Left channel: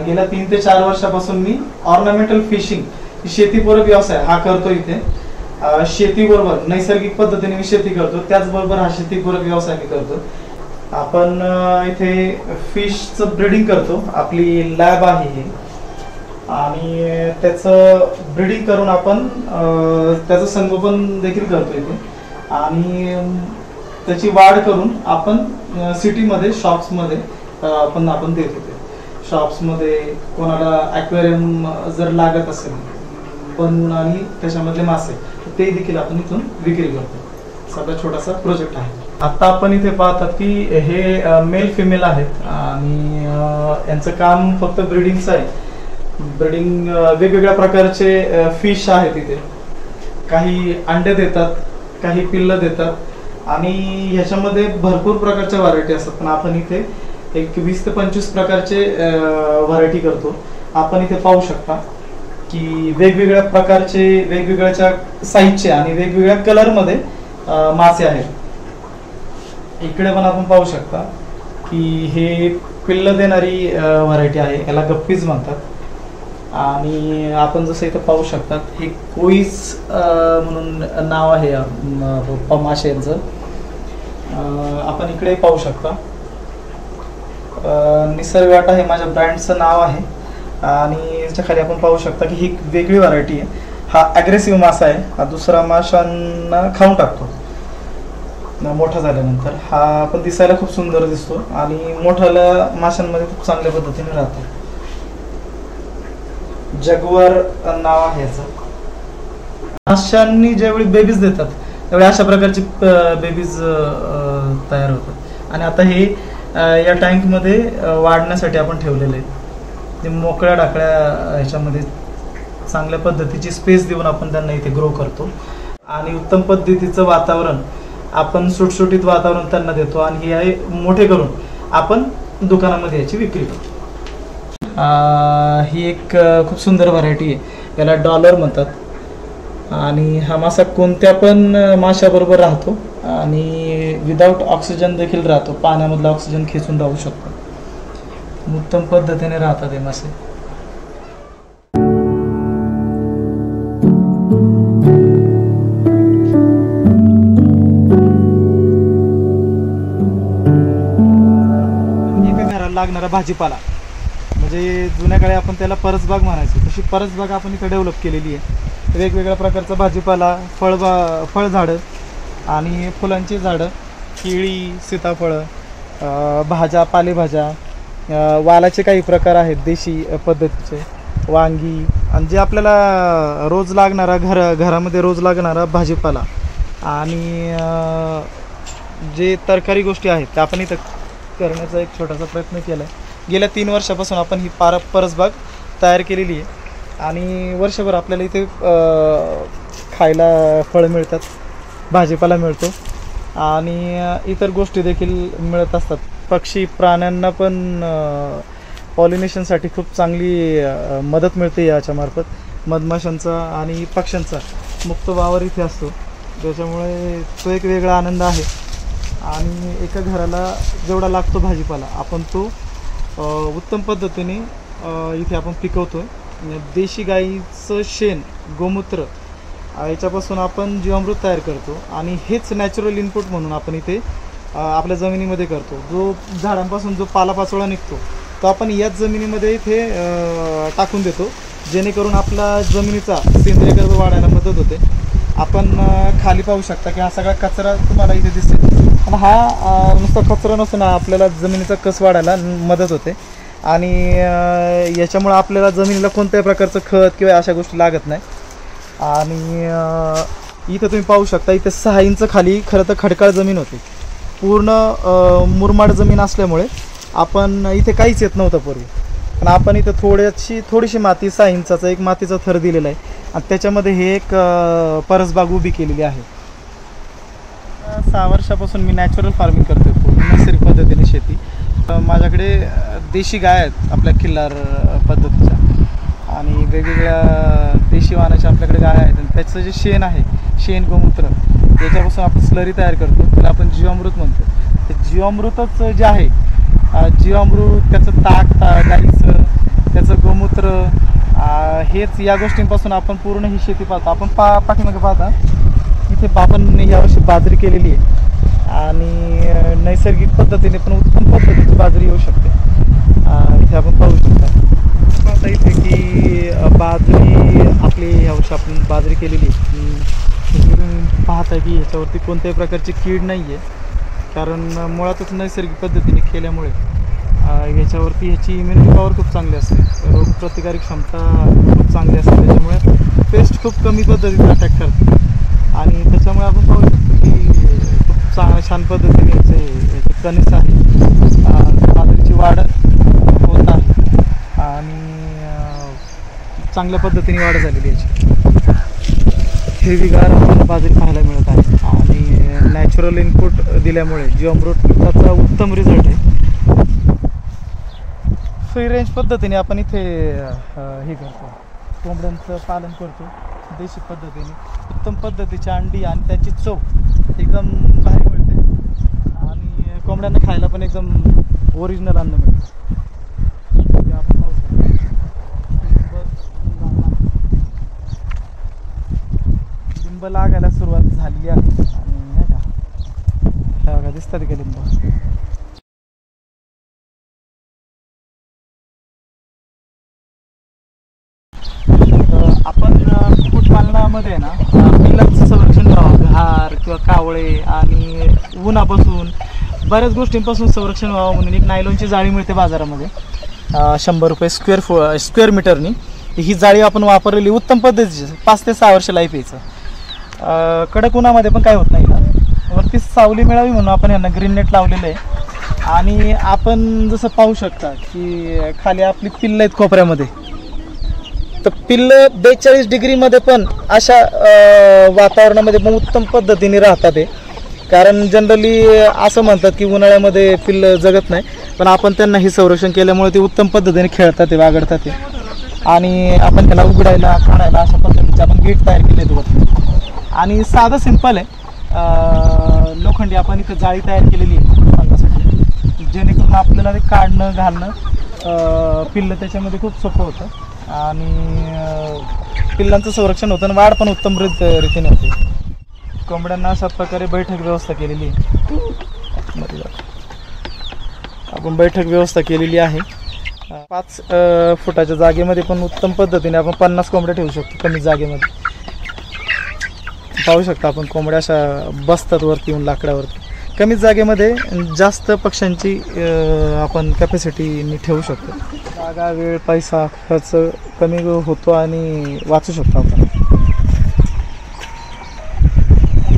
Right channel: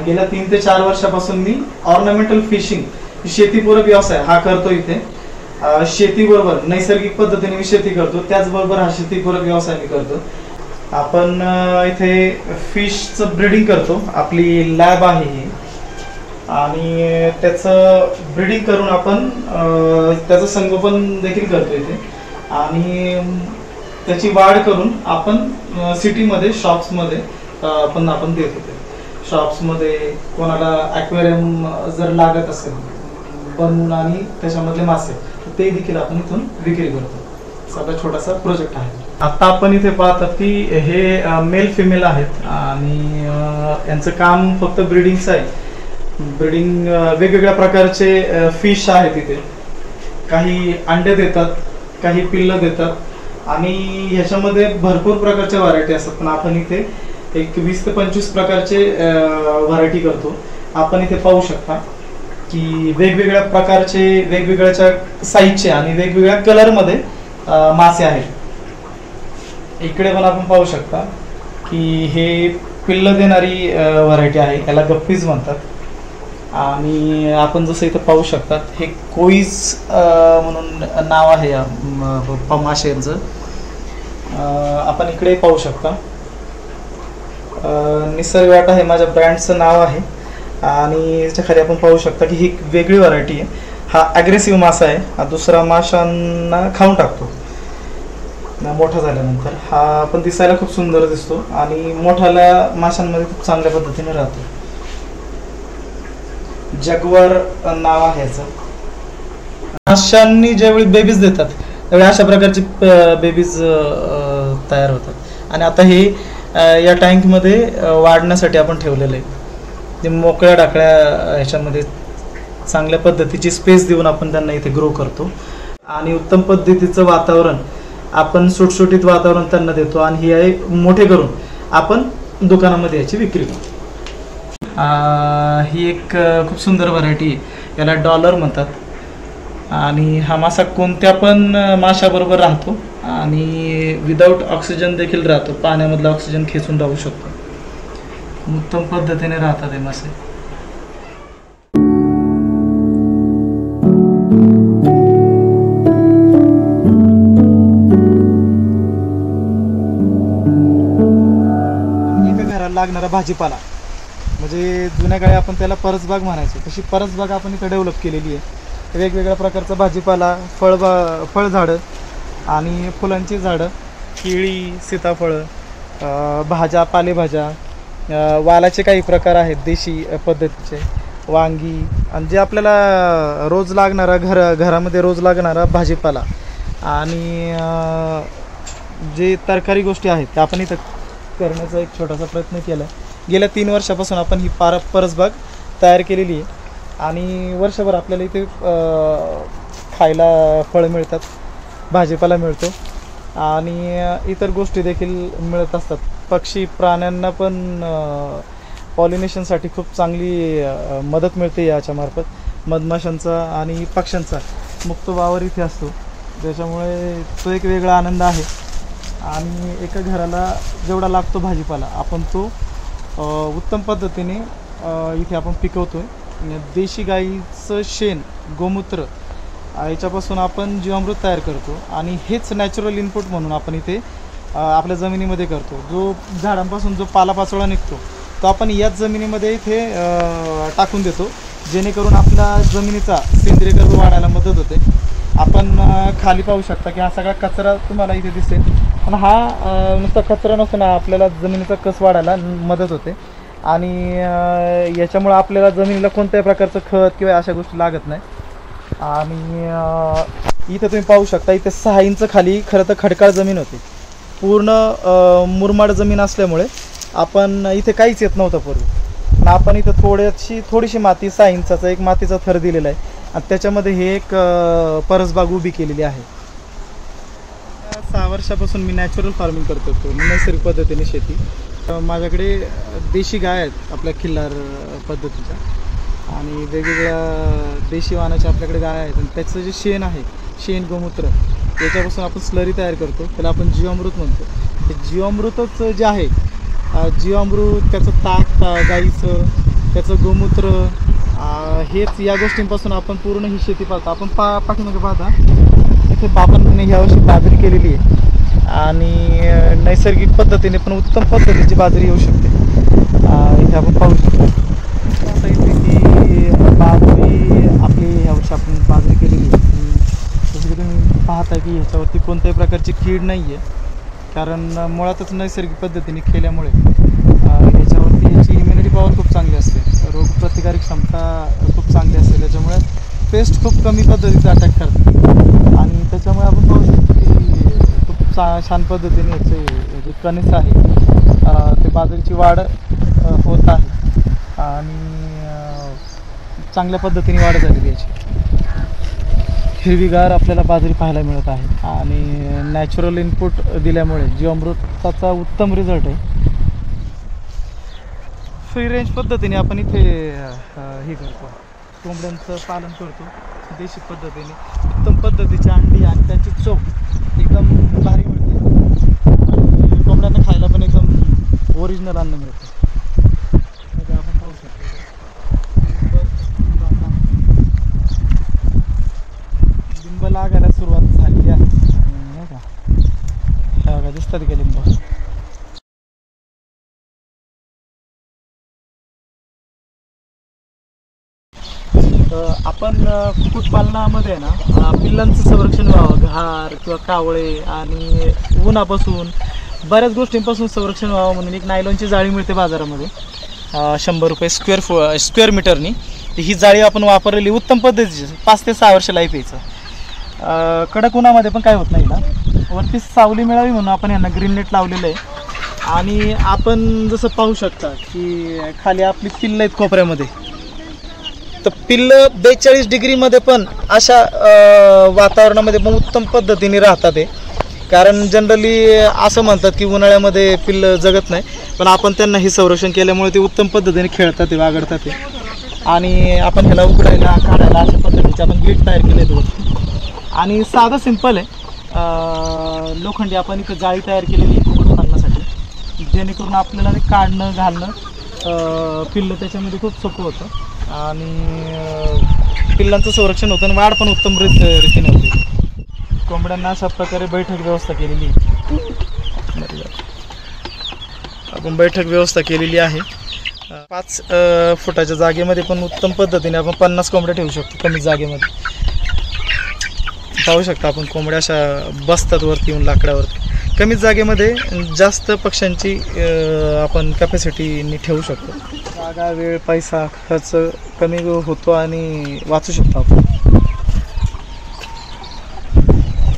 गेल्या 3 ते 4 वर्षापासून मी ऑर्नामेंटल फिशिंग शेतीपूरक व्यवसाय हा करतो इथे। शेतीबरोबर नैसर्गिक पद्धतीने मी शेती करतो, त्याचबरोबर हा शेतीपूरक व्यवसाय मी करतो। आपण इथे फिशचं ब्रीडिंग करतो, आपली लॅब आहे ही, आणि त्याचं ब्रीडिंग करून आपण त्याचं संगोपन देखील करतो इथे, आणि त्याची वाढ करून आपण सिटीमध्ये शॉप्समध्ये आपण देत होते। शॉप्समध्ये कोणाला ॲक्वेरियम जर लागत असेल बनवून आणि त्याच्यामधले मासे ते देखील आपण इथून विक्री करतो। सगळा छोटासा प्रोजेक्ट आहे। आता आपण इथे पाहतात की हे मेल फिमेल आहेत आणि यांचं काम फक्त ब्रीडिंगचं आहे। ब्रीडिंग वेगवेगळ्या प्रकारचे फिश आहेत इथे, काही अंडे देतात, काही पिल्लं देतात, आणि ह्याच्यामध्ये भरपूर प्रकारच्या व्हरायटी असतात। पण आपण इथे एक 20 ते 25 प्रकारचे व्हरायटी करतो। आपण इथे पाहू शकता की वेगवेगळ्या प्रकारचे, वेगवेगळ्या साईजचे आणि वेगवेगळ्या कलरमध्ये मासे आहेत। इकडे पण आपण पाहू शकता की हे पिल्लं देणारी व्हरायटी आहे, याला गप्पीज म्हणतात। आणि आपण जसं इथं पाहू शकता हे कोईज म्हणून नाव आहे माशांचं। आपण इकडे पाहू शकता निसर्ग वाटा हे माझ्या ब्रँडचं नाव आहे, आणि याच्या खाली आपण पाहू शकता की ही वेगळी व्हरायटी आहे। हा ॲग्रेसिव्ह मासा आहे, हा दुसरा माशांना खाऊन टाकतो मोठा झाल्यानंतर। हा पण दिसायला खूप सुंदर दिसतो आणि मोठ्याला माशांमध्ये खूप चांगल्या पद्धतीने राहतो। जगवर नाव आहे याचं। माशांनी ज्यावेळी बेबीज देतात त्यावेळी अशा प्रकारचे बेबीज तयार होतात, आणि आता हे या टँकमध्ये वाढण्यासाठी आपण ठेवलेले आहेत। ते मोकळ्या डाकळ्या ह्याच्यामध्ये चांगल्या पद्धतीची स्पेस देऊन आपण त्यांना इथे ग्रो करतो, आणि उत्तम पद्धतीचं वातावरण आपण सुटसुटीत वातावरण त्यांना देतो, आणि हे मोठे करून आपण दुकानामध्ये याची विक्री करतो। ही एक खूप सुंदर व्हरायटी आहे, याला डॉलर म्हणतात, आणि हा मासा कोणत्या पण माशाबरोबर राहतो आणि विदाऊट ऑक्सिजन देखील राहतो, पाण्यामधला ऑक्सिजन खेचून राहू शकतो। उत्तम पद्धतीने राहतात हे मासे। एका घराला लागणारा भाजीपाला म्हणजे जुन्या काळी आपण त्याला परसबाग म्हणायचो, तशी परसबाग आपण इथं डेव्हलप केलेली आहे। वेगवेगळ्या प्रकारचा भाजीपाला, फळझाडं आणि फुलांची झाडं, केळी, सीताफळं, भाज्या, पालेभाज्या, वालाचे काही प्रकार आहेत देशी पद्धतीचे, वांगी, आणि जे आपल्याला रोज लागणारा घरामध्ये रोज लागणारा भाजीपाला, आणि जे तरकारी गोष्टी आहेत त्या आपण इथं करण्याचा एक छोटासा प्रयत्न केला आहे। गेल्या 3 वर्षापासून आपण ही परसबाग तयार केलेली आहे, आणि वर्षभर आपल्याला इथे खायला फळं मिळतात, भाजीपाला मिळतो, आणि इतर गोष्टी देखील मिळत असतात। पक्षी प्राण्यांना पण पॉलिनेशनसाठी खूप चांगली मदत मिळते याच्यामार्फत। मधमाशांचा आणि पक्ष्यांचा मुक्त वावर इथे असतो, त्याच्यामुळे तो एक वेगळा आनंद आहे। आणि एका घराला जेवढा लागतो भाजीपाला आपण तो उत्तम पद्धतीने इथे आपण पिकवतोय। देशी गाईचं शेण, गोमूत्र याच्यापासून आपण जीवामृत तयार करतो, आणि हेच नॅचरल इनपुट म्हणून आपण इथे आपल्या जमिनीमध्ये करतो। जो झाडांपासून जो पालापाचोळा निघतो तो आपण याच जमिनीमध्ये इथे टाकून देतो, जेणेकरून आपल्या जमिनीचा सेंद्रिय गर्भ वाढायला मदत होते। आपण खाली पाहू शकता की हा सगळा कचरा तुम्हाला इथे दिसेल, पण हा नुसता कचरा नसून आपल्याला जमिनीचा कस वाढायला मदत होते, आणि याच्यामुळे आपल्याला जमिनीला कोणत्याही प्रकारचं खत किंवा अशा गोष्टी लागत नाही। आणि इथे तुम्ही पाहू शकता इथे 6 इंच खाली खरं तर खडकाळ जमीन होती, पूर्ण मुरमाड जमीन असल्यामुळे आपण इथे काहीच येत नव्हतं पूर्वी, पण आपण इथे थोडीशी माती 6 इंचाचा एक मातीचा थर दिलेला आहे, आणि त्याच्यामध्ये हे एक परसबाग उभी केलेली आहे। 6 वर्षापासून मी नॅचरल फार्मिंग करतोय, नैसर्गिक पद्धतीने शेती। माझ्याकडे देशी गाय आहेत आपल्या खिल्लार पद्धतीच्या, आणि वेगवेगळ्या देशी वाहनाच्या आपल्याकडे गाय आहेत, आणि त्याचं जे शेण आहे, शेण गोमूत्र, याच्यापासून आपण स्लरी तयार करतो, त्याला आपण जीवामृत म्हणतो। हे जीवामृतच जे आहे, जीवामृत, त्याचं ताक गाईचं, त्याचं गोमूत्र, हेच या गोष्टींपासून आपण पूर्ण ही शेती पाहतो. आपण पाठीमागे पाहता इथे आपण यावर्षी बाजरी केलेली आहे आणि नैसर्गिक पद्धतीने पण उत्तम पद्धतीची बाजरी येऊ शकते. इथे आपण पाहू शकतो आता इथे की बाजरी आपली यावर्षी आपण बाजरी केलेली आहे. जसं की तुम्ही पाहता की ह्याच्यावरती कोणत्याही प्रकारची कीड नाही आहे, कारण मुळातच नैसर्गिक पद्धतीने केल्यामुळे याच्यावरती ह्याची इम्युनिटी पॉवर खूप चांगली असते, रोगप्रतिकारक क्षमता खूप चांगली असते. त्याच्यामुळे पेस्ट खूप कमी पद्धतीने अटॅक करते आणि त्याच्यामुळे आपण पाहू शकतो की खूप छान पद्धतीने याचे कणीस आहे ते बाजरीची वाढ होत आहे आणि चांगल्या पद्धतीने वाढ झालेली याची. हिरवीगार आपल्याला बाजरी पाहायला मिळत आहे आणि नॅचरल इनपुट दिल्यामुळे जीवामृताचा उत्तम रिझल्ट आहे. फ्री रेंज पद्धतीने आपण इथे हे करतो, कोंबड्यांचं पालन करतो देशी पद्धतीने. उत्तम पद्धतीची अंडी आणि त्याची चव एकदम भारी मिळते आणि कोंबड्यांना खायला पण एकदम ओरिजिनल अन्न मिळतं. लिंब लागायला सुरुवात झाली आहे आणि दिसतात का लिंब. आपण कुक्कुटपालनामध्ये ना पिल्लांचं संरक्षण व्हावं, घार किंवा कावळे आणि उन्हापासून बऱ्याच गोष्टींपासून संरक्षण व्हावं म्हणून एक नायलॉनची जाळी मिळते बाजारामध्ये 100 रुपये स्क्वेअर मीटरनी. ही जाळी आपण वापरलेली उत्तम पद्धतीची 5 ते 6 वर्ष लाईफ यायचं. कडक उन्हामध्ये पण काय होत नाही ना, वरती सावली मिळावी म्हणून आपण यांना ग्रीन नेट लावलेलं आहे. आणि आपण जसं पाहू शकता की खाली आपली पिल्लं आहेत कोपऱ्यामध्ये, तर पिल्लं 42 डिग्रीमध्ये पण अशा वातावरणामध्ये पण उत्तम पद्धतीने राहतात ते. कारण जनरली असं म्हणतात की उन्हाळ्यामध्ये पिल्लं जगत नाही, पण आपण त्यांना हे संरक्षण केल्यामुळे ते उत्तम पद्धतीने खेळतात ते, वागडतात ते. आणि आपण ह्याला उघडायला काढायला अशा पद्धतीचे आपण गेट तयार केले आहेत वरती आणि साधं सिंपल आहे. लोखंडी आपण इथं जाळी तयार केलेली आहे कुक्कुटपालनासाठी, जेणेकरून आपल्याला ते काढणं घालणं पिल्लं त्याच्यामध्ये खूप सोपं होतं आणि पिल्लांचं संरक्षण होतं आणि वाढ पण उत्तम रीतीने होते. कोंबड्यांना अशा प्रकारे बैठक व्यवस्था केलेली आहे. आपण बैठक व्यवस्था केलेली आहे. 5 फुटाच्या जागेमध्ये पण उत्तम पद्धतीने आपण 50 कोंबड्या ठेवू शकतो कमी जागेमध्ये. पाहू शकता आपण कोंबड्या अशा बसतात वरती येऊन लाकडावरती. कमी जागेमध्ये जास्त पक्ष्यांची आपण कॅपॅसिटीने ठेवू शकतो. जागा, वेळ, पैसा, खर्च कमी होतो आणि वाचू शकतो आपण.